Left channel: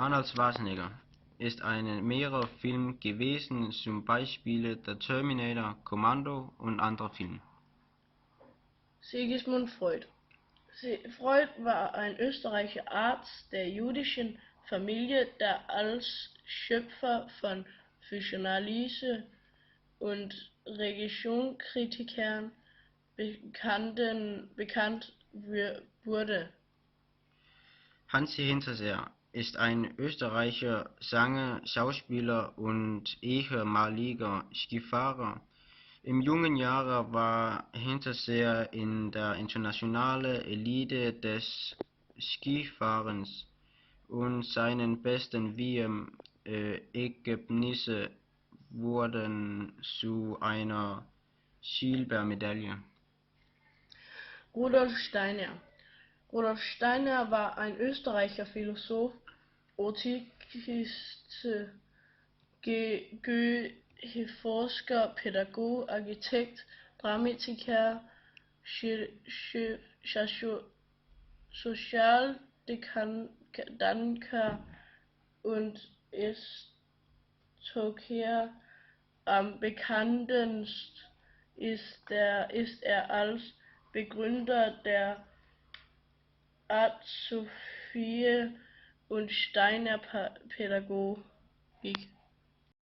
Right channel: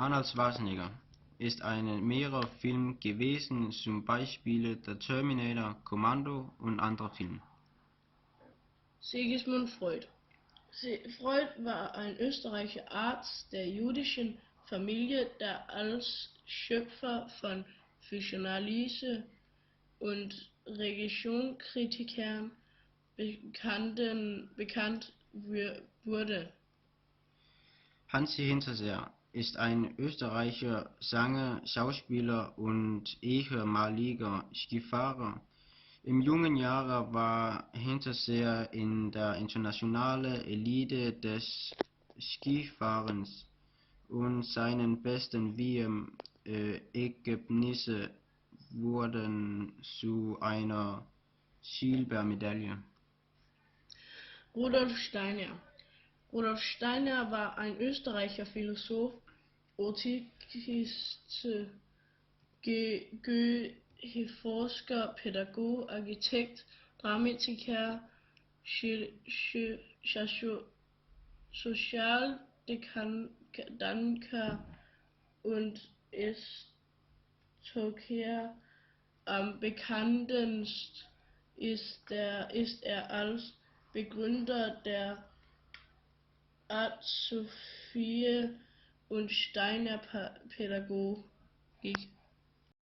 Arnold Schwarzenegger ist in mehreren Filmen gewesen, zum Beispiel The Terminator, Commando und andere Filme. Sigmund Freud. Freud war ein österreichischer Arzt der jüdischen Familie, der als Schöpfer von Psychoanalyse und Religionskritikern bekannt wurde. Hansi Hinterseer ist ein österreichischer Sänger, Schauspieler und ehemaliger Skifahrer. Im jungen Jahren war Hinterseer in der internationalen Elite des Skifahrens und seine besten WM-Ergebnisse wurden zu einer Silbermedaille. Rudolf Steiner. Rudolf Steiner war ein österreichischer Philosoph, Ethikist, Forscher, Pädagoge, Architekt, Dramatiker, Sozialdenker und Historiker. Am bekanntesten ist er als Begründer der Artsophie und Steiner Pädagogik.